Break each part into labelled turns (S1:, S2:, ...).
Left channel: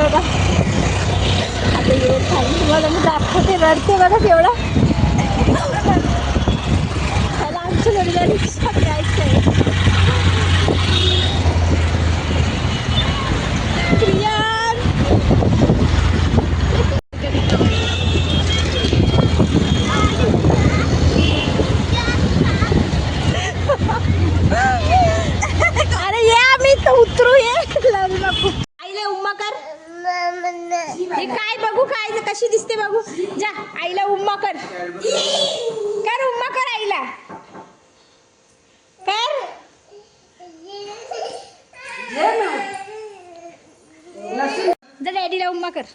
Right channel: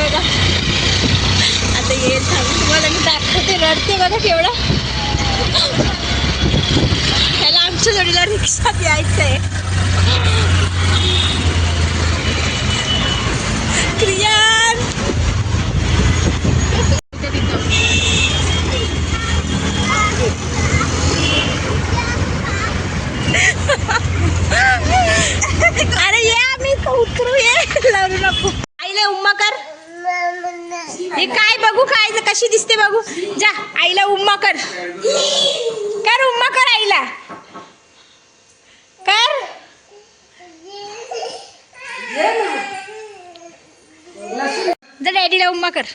S1: आहे बघा. आता येईल थांब तुम्हाला मी दाखवते रडते बघा केवढं. त्याला आमच्या जोडीला रिक्षात यायचं आहे क्रिया अरे ये आम्ही उतरू ये. लावू नको. आईला उम्मा कर. हे काय बघू काय कशी दिसते बघू. जा आईला उम्मा कर. कर उम्मा कर आईला. कर. जा डॅडीला उम्मा कर.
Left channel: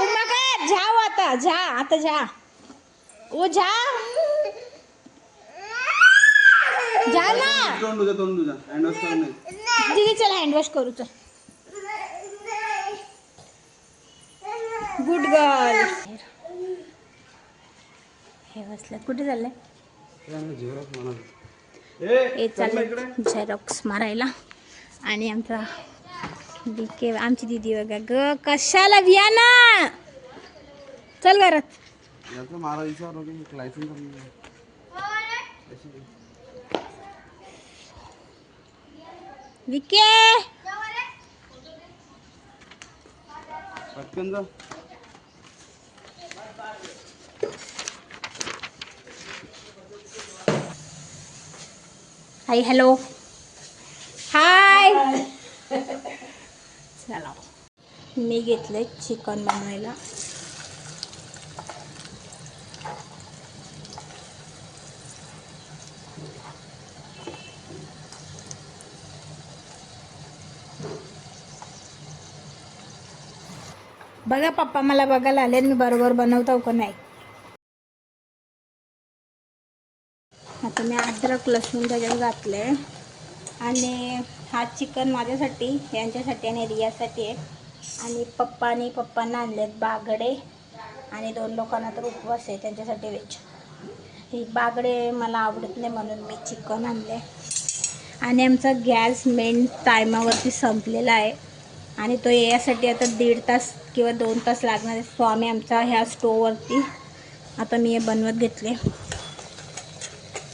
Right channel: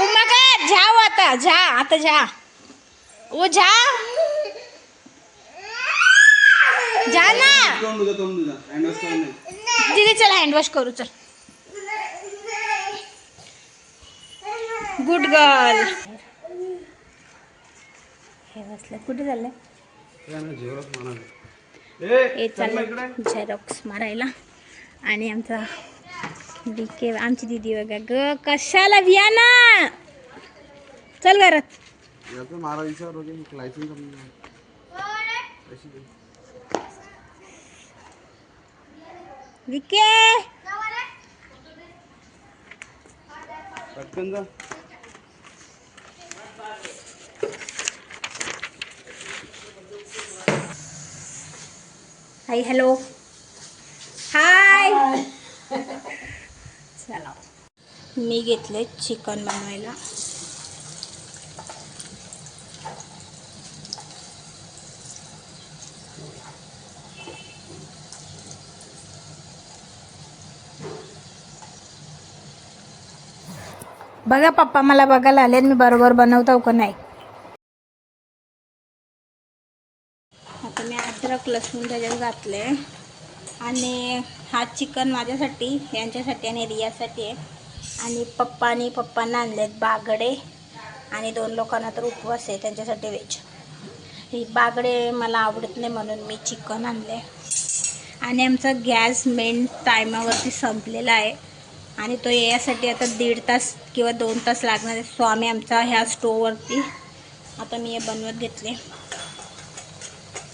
S1: उम्मा कर जाओ आता जा आता जा. ओ जा. जा ना.
S2: तोंड तुझा तोंड तुझा हँड वॉश करून ये
S1: दीदी चल हँड वॉश करू चल. गुड गर्ल हे बसलं. कुठे चाललंय?
S2: झेरॉक्स
S1: हे चाललंय झेरॉक्स मारायला. आणि आमचा डी के आमची दीदी बघा ग कशाला विया ना चल घरात.
S2: याचं मारा विचार वगैरे लायसन करून घे.
S1: विके
S2: पटकन जा
S1: हाय हॅलो हाय चला. मी घेतले चिकन बनवायला. बघा पप्पा मला बघायला आले मी बरोबर बनवतो का नाही? आता मी अद्रक लसूण त्याच्यात घातले आणि हा चिकन माझ्यासाठी यांच्यासाठी आणि रियासाठी आहे. आणि पप्पा आणि पप्पांना आणलेत बागडे. आणि दोन लोकांना तर उपवास आहे त्यांच्यासाठी व्हेज. ही बागडे मला आवडत नाही म्हणून मी चिकन आणले आणि आमचा गॅस मेन टायमावरती संपलेला आहे. आणि तो यासाठी आता दीड तास किंवा दोन तास लागणार आहे. स्वामी आमचा ह्या स्टोववरती आता मी हे बनवत घेतले.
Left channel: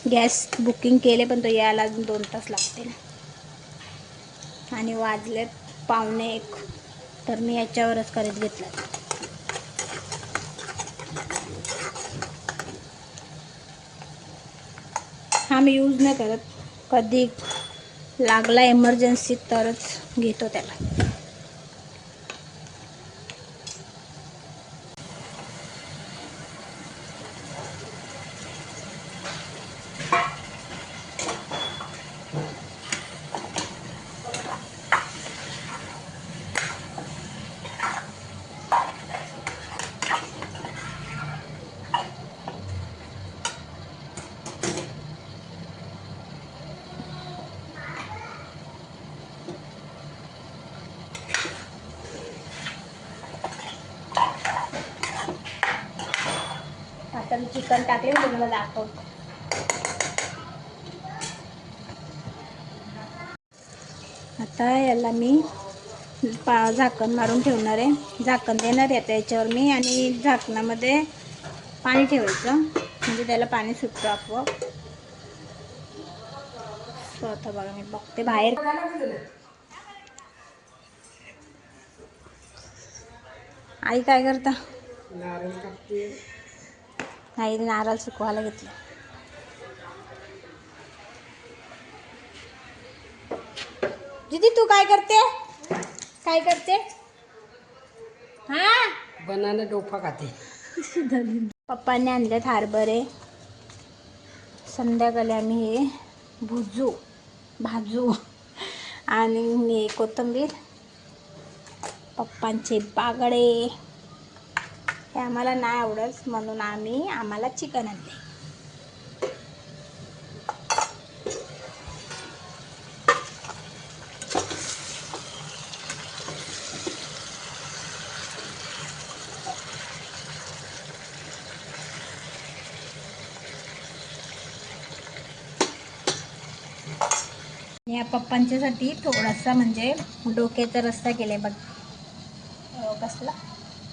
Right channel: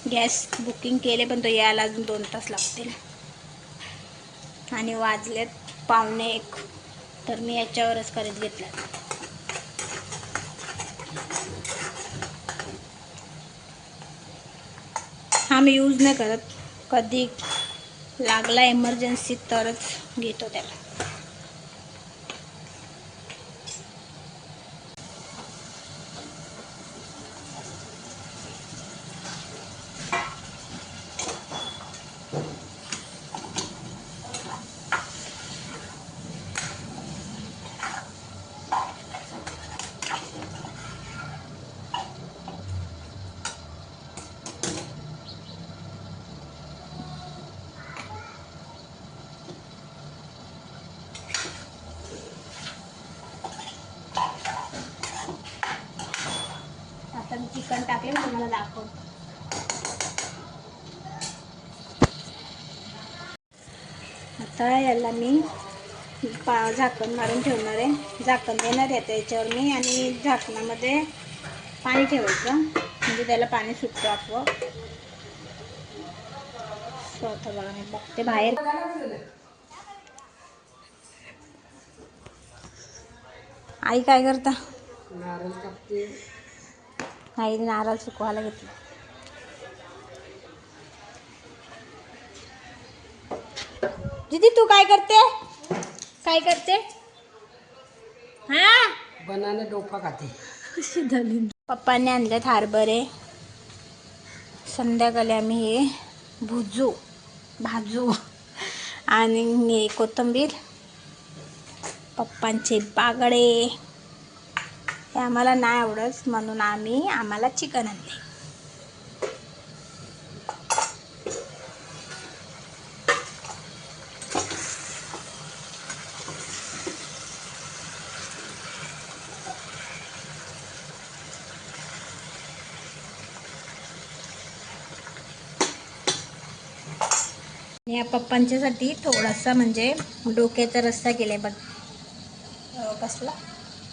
S1: गॅस बुकिंग केले पण तो यायला अजून दोन तास लागतील. आणि वाजलेत पावणे एक. तर मी याच्यावरच करत घेतला. हा मी यूज नाही करत. कधी लागला एमर्जन्सी तरच घेतो त्याला आता मी चिकन टाकले मी तुम्हाला दाखवतो आता याला मी पा झाकण मारून ठेवणार आहे. झाकण देणार आहे आता याच्यावर मी आणि झाकणामध्ये पाणी ठेवायचं. म्हणजे त्याला पाणी सुटतो आपोआप. स्वतः बघा मी बघते बाहेर. आई काय करता? आई नारळ सुकवायला घेतलं. दीदी तू काय करते? काय करते? हा?
S3: बनाना डोफा खाते.
S1: पप्पांनी आणलेत हरभरे. संध्याकाळी आम्ही हे भुजू भाजू आणि कोथिंबीर. पप्पांचे बागडे. हे आम्हाला नाही आवडत म्हणून आम्ही आम्हाला चिकन आणले या पप्पांच्यासाठी थोडासा म्हणजे डोक्याचा रस्सा आहे बघ. कसला?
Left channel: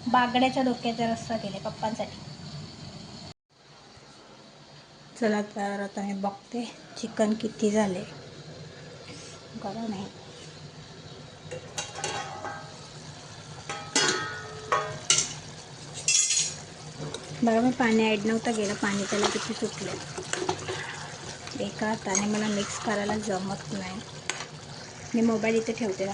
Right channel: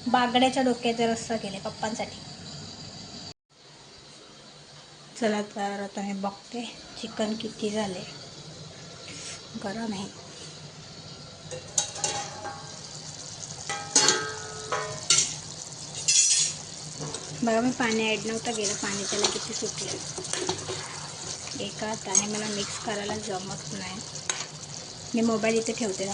S1: बागड्याच्या डोक्याचा रस्सा केले पप्पांसाठी. चला तर आता मी बघते चिकन किती झाले. बरं नाही. बघा मी पाणी ॲड नव्हतं गेलं पाणी त्याला किती सुटलं एका हाताने मला मिक्स करायला जमत नाही. मी मोबाईल इथे ठेवते ना.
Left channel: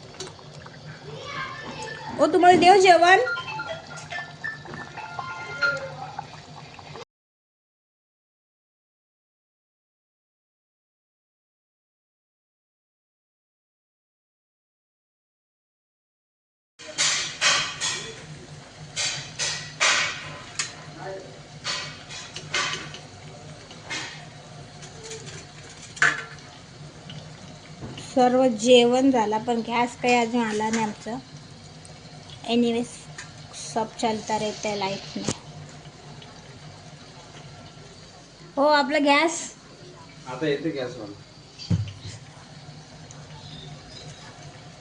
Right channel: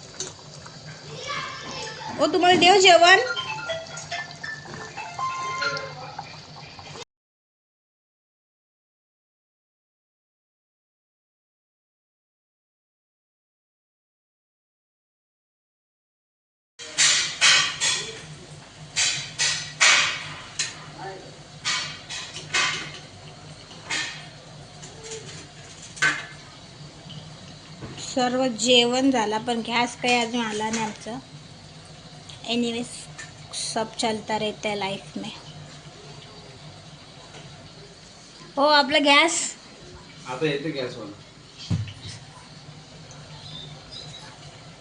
S1: ओ तुम्हाला देव जेवण? सर्व जेवण झाला पण गॅस काही अजून आला नाही आमचं. एनिवेज सब चलता रहता है लाइफ में। हो आपला गॅस
S2: आता येते गॅसवाला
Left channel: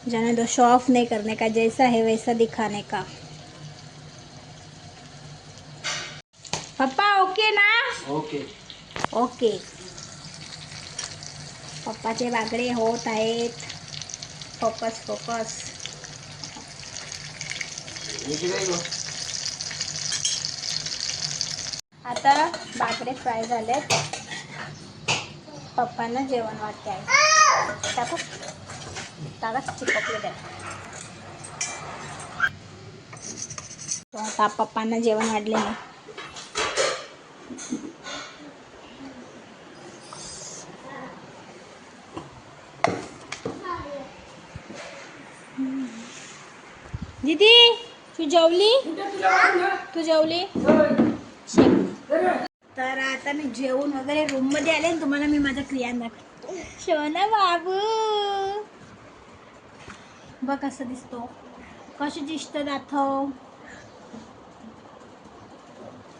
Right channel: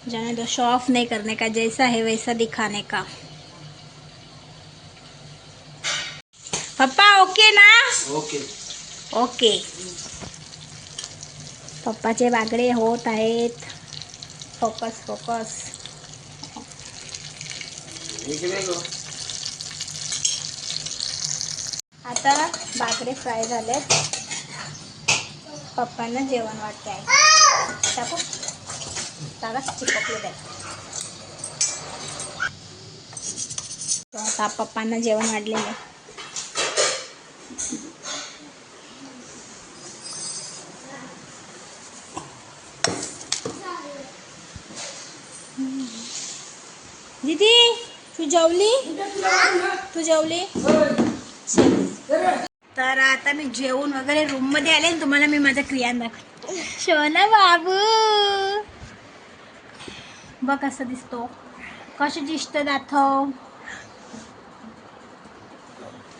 S1: जाने दो शो ऑफ नहीं करने का जैसा है वैसा दिखाने का। पप्पा ओके ना?
S2: ओके
S1: ओके पप्पाचे बागडे होत आहेत फोकस फोकस आता बागडे फ्राय झालेत. पप्पांना जेवण वाटते आहे टाकू टाका चिपकले द्या आता पप्पांना जेवण वाढले नाही दीदी! तू जेवली? तू जेवली? तर आता मी जेवून वगैरे रूममध्ये आले आणि तुम्हाला मी माझ्या क्रिया दाखव शोना बाबू. बघ कसं दिसतो. कसं दिसतं दाखव.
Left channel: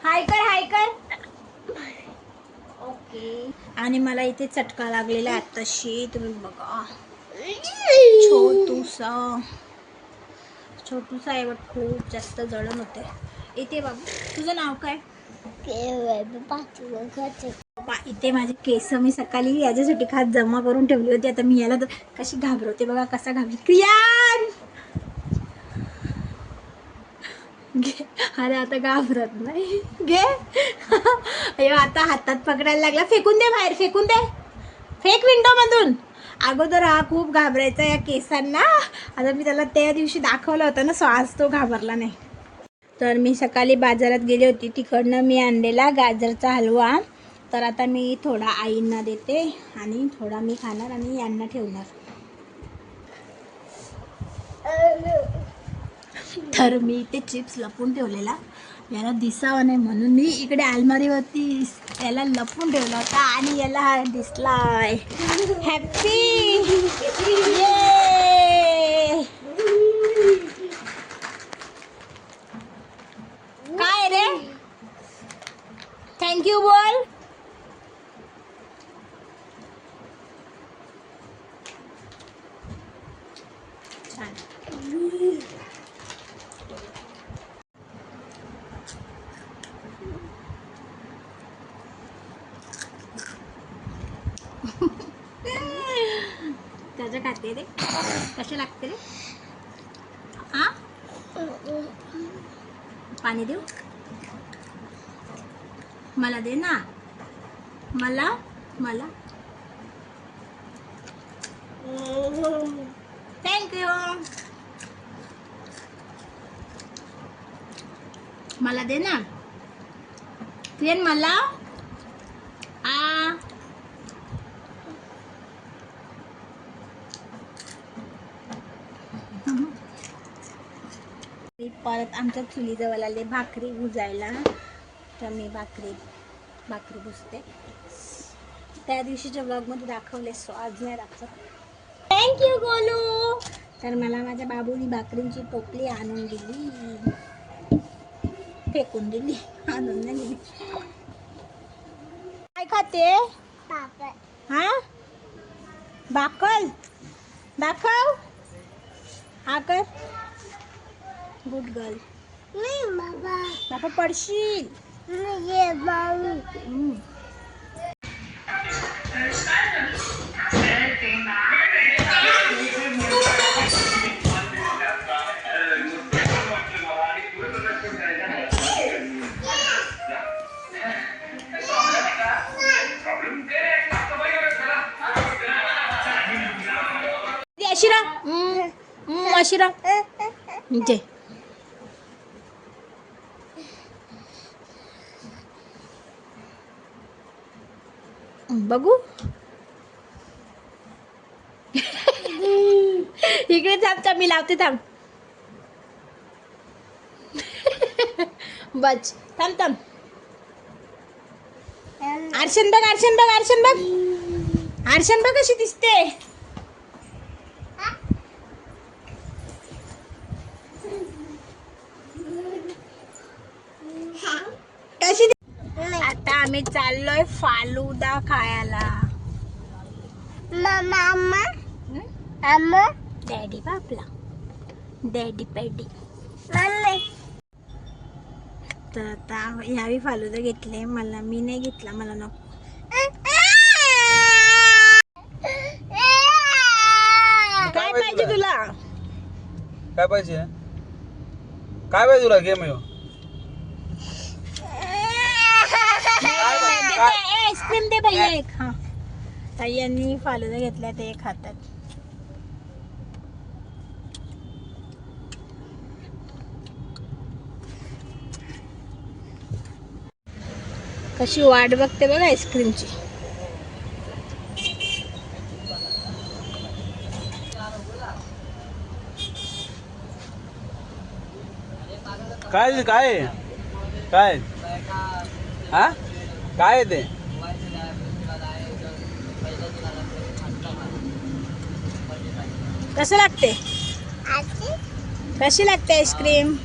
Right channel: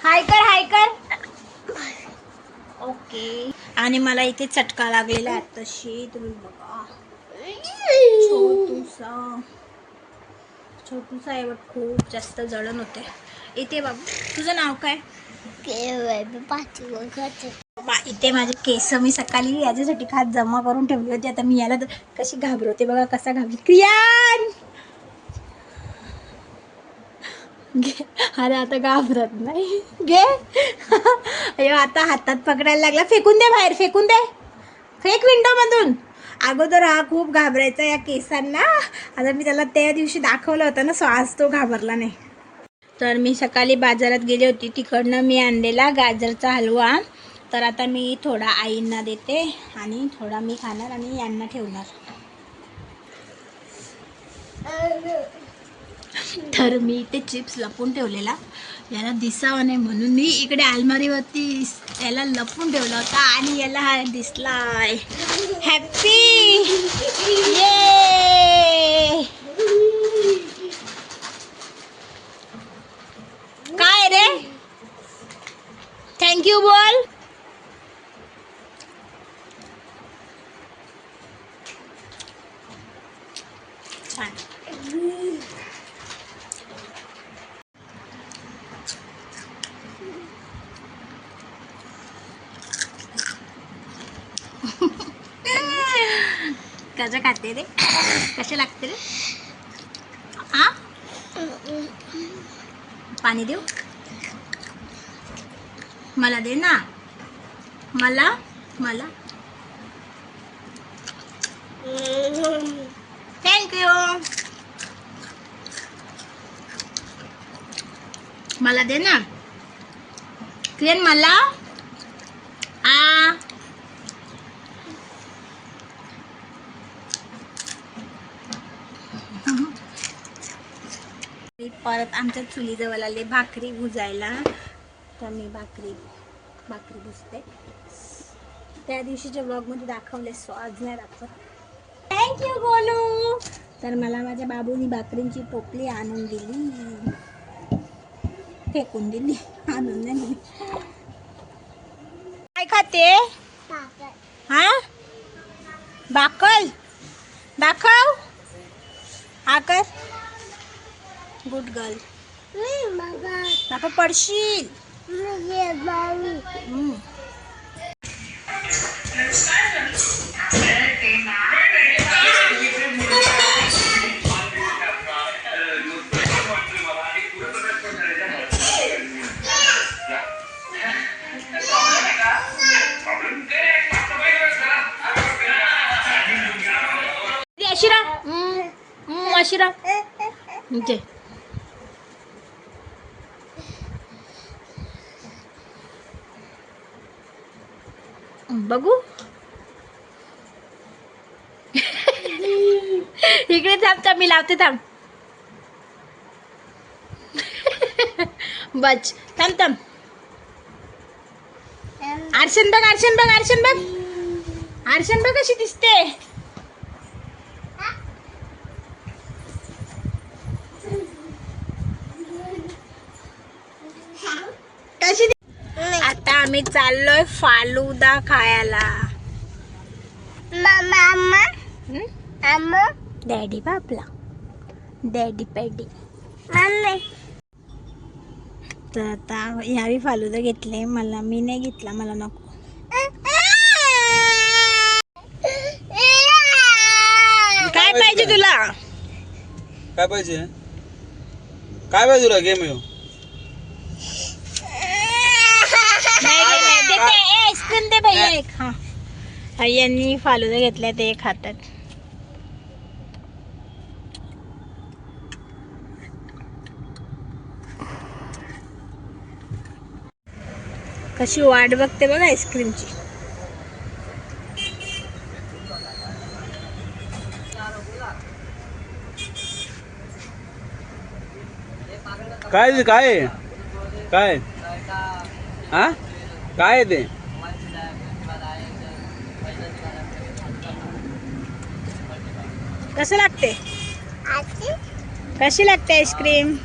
S1: हाय कर हाय कर ओके. आणि मला इथे चटका लागलेला आहे तशी तुम्ही बघा. छोटूसा. छोटूसा आहे बट खूप जास्त जळण होते. इथे बाबू तुझं नाव काय? इथे माझे केस मी सकाळी याच्यासाठी खास जमा करून ठेवली होती. आता मी याला तर कशी घाबरवते बघा कसा घाबरते क्रियान! घे. अरे आता घाबरत नाही. घे. अयो आता हातात पकडायला लागला. फेकून दे बाहेर फेकून दे. फेक विंडो मधून. अगोदर हा खूप घाबरायचा या केसांना. आता मी त्याला त्या दिवशी दाखवलं होतं ना सो आज तो घाबरला नाही. तर मी सकाळी बाजारात गेली होती. तिकडनं मी आणलेला गाजरचा हलवा. तर आता मी थोडा आईंना देते आणि थोडा मी खाणार आणि यांना ठेवणार. तर मी ते चिप्स लपून ठेवलेला. याला दिसावं नाही म्हणून मी इकडे अलमारीवरती याला लपून ठेवला होता आणि याला हा दिसलाय. हॅपी ये काय रे थँक्यू बोल छान कसं खाते रे? कसे लागते रे? हा पाणी देऊ? मला दे ना. मला मला. थँक्यू मला दे ना. क्रेन मला. परत आमच्या चुलीजवळ आले भाकरी भुजायला तर मी भाकरी भाकरी भुजते त्या दिवशीच्या ब्लॉगमध्ये दाखवले सो आज नाही दाखवत थँक्यू गोलू. तर मला माझ्या बाबूनी भाकरींची टोपली आणून दिली. फेकून दिली. आणून नाही दिली. काय खाते? हा? बाकल दाखव. हा कर. गुड गर्ल बापा पडशील अशिरा अशिरा इथे बघू. इकडे थांब थांब मी लावते थांब. बच थांब थांब. आरशन बघ आरशन बघ आरशन बघ. आरशन बघ कशी दिसते कशी दि- आता आम्ही चाललोय फालुदा खायला. डॅडी बापला. डॅडी पॅडी तर आता ह्यावी फालुदा घेतले मला मी नाही घेतला मला नको. काय पाहिजे तुला?
S2: काय पाहिजे? काय पाहिजे तुला? गेम येऊ
S1: आईस्क्रीम दे भैया एक. हा. यांनी फालुदा घेतल्या ते खातात. कशी वाट बघते बघ आईस्क्रीमची.
S2: काय काय? काय? हा? काय ते?
S1: कसं लागते? कशी लागते आईस्क्रीम?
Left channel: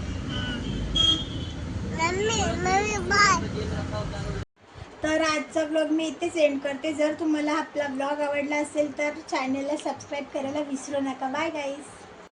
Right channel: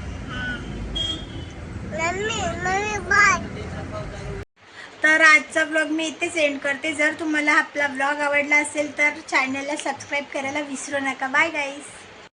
S1: तर आजचा ब्लॉग मी इथेच एंड करते. जर तुम्हाला आपला ब्लॉग आवडला असेल तर चॅनलला सबस्क्राईब करायला विसरू नका. बाय गाईस